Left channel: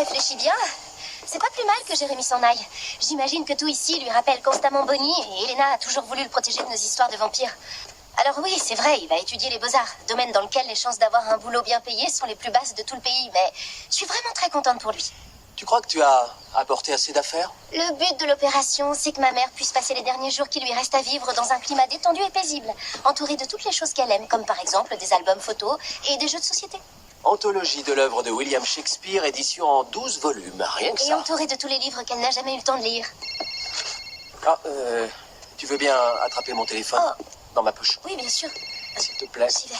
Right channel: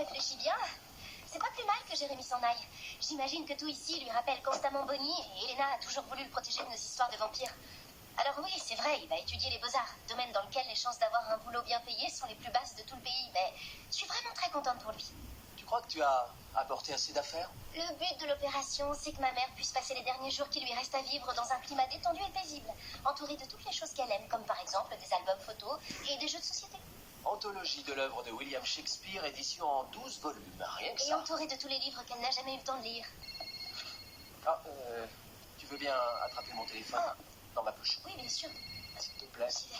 réfléchis bien, c'est pas plus mal que Jérémy s'en aille. J'imagine que tout ici lui rappelle constamment Bonnie et Elena a toujours voulu le protéger de nos histoires de vampires. Alors oui, c'est vrai, il va étudier les beaux-arts, domaine dans lequel les chances d'avoir un boulot bien payé sont les plus basses de tout le pays, mais je suis vraiment très contente pour lui. Tu crois que tu as apporté assez d'affaires? Le but de l'opération, c'est que ma mère puisse passer les derniers jours qui lui restent à vivre dans un climat détendu et paisible, entourée de toutes les choses qu'elle aime, comme par exemple des albums photos et des jeux de société. Anthologie de l'œuvre de William Shakespeare, édition en 12 volumes, rien que Et ça. entourée de tous les livres qu'elle n'a jamais eu le temps de lire. Ah, tu veux bien attraper mon téléphone? Oh. Dans ma poche. Oui, bien sûr. S'il te plaît. J'y vais.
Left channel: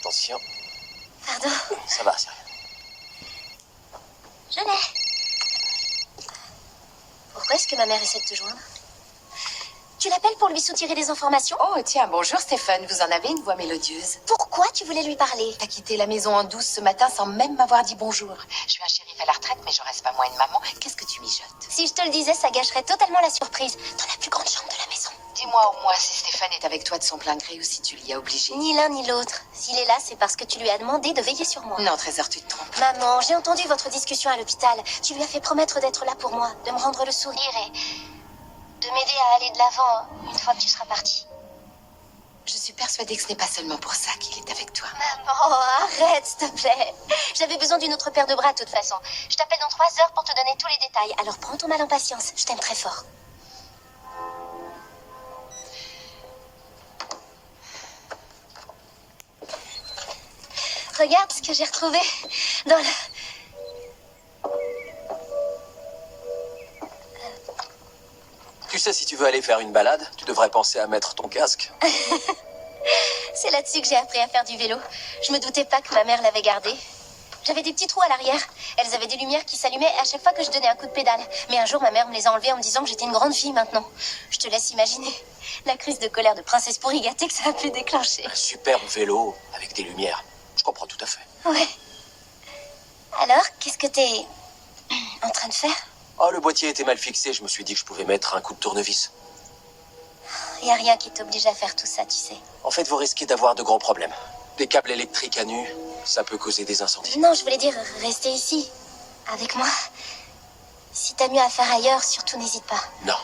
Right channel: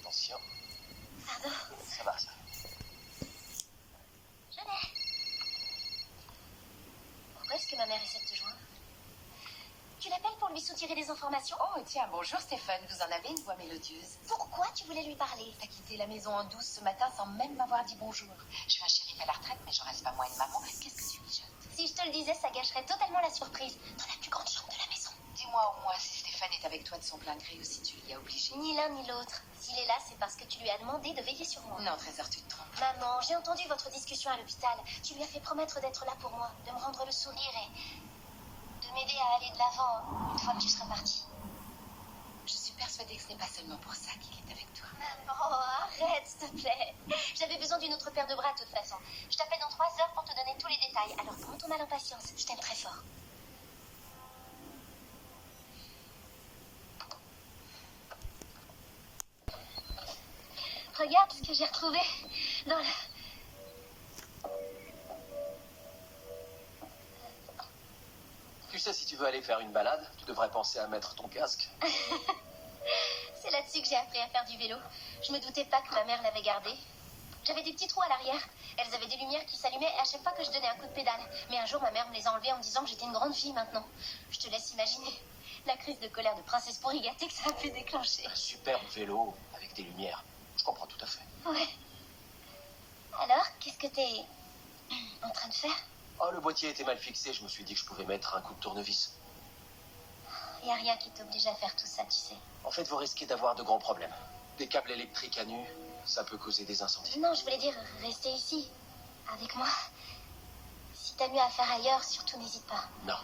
Attention. Pardon. Ça va, c'est rien. Je l'ai. Pourquoi est-ce que ma mère essaie de te joindre? Tu l'appelles pour lui soutirer des informations? Oh, tiens, bonjour Stéphane, vous en avez une voix mélodieuse. Pourquoi tu voulais lui parler? T'as quitté la maison en douce ce matin sans même m'avoir dit bonjour. Je suis un shérif à la retraite, mais je reste pas moins une maman. Qu'est-ce que tu mijotes? Si je te le disais, ça gâcherait totalement la surprise. Dans la plus grande chambre de la maison. Dis-moi au moins si Stéphane est avec toi de son plein gré ou si tu l'y as obligé. Ni l'un ni l'autre. S'il est là, c'est parce que tu lui as demandé de veiller sur moi. Non, Trésor, tu te trompes. Maman, j'ai entendu votre discussion à l'hôpital. Tu lui as fait promettre d'être là pour moi, de me rendre le sourire et de m'aider à aller de l'avant une fois que tu seras partie. Je suis persuadée que ce n'est pas seulement pour ça qu'il est avec toi. Maman, arrête, s'il te plaît. J'avais besoin d'une autre paire de bras, de toute façon. Je t'appelle dans 3 heures pour te donner tous les détails. Alors prends ton mal en patience. Je t'aime très fort. Regarde ce que j'ai retrouvé dans le... Tu sais, si tu veux aller faire une balade, tu devrais penser à mettre ton casque. C'est là-dessus que j'ai appris à faire du vélo. Je me doutais pas que ma mère l'avait gardé. J'avais des petits trous à l'arrière. Elles avaient des lumières qui s'allumaient à chaque fois que je donnais un coup de pédale. Mais un jour, ma mère me les a enlevées en me disant que j'étais une grande fille maintenant. Je te laisse imaginer la crise de colère de princesse pourri gâtée que ça a pu déclencher. Un superbe vélo avec des lumières. Je comprends tout à fait. Ouais. Alors, qu'est-ce que t'es en train de faire? Oh, le boîtier était mal fixé, je me suis dit que je pouvais mettre un coup de tournevis. Y a rien qui t'oblige à faire tout ça, tu sais. En fait, vous risquez d'avoir de grands problèmes. Des câbles électriques à nu, ça peut causer des incendies. Non, je voulais dire rester ici, avec moi. Si t'as mieux à faire ailleurs, surtout n'hésite pas. Non,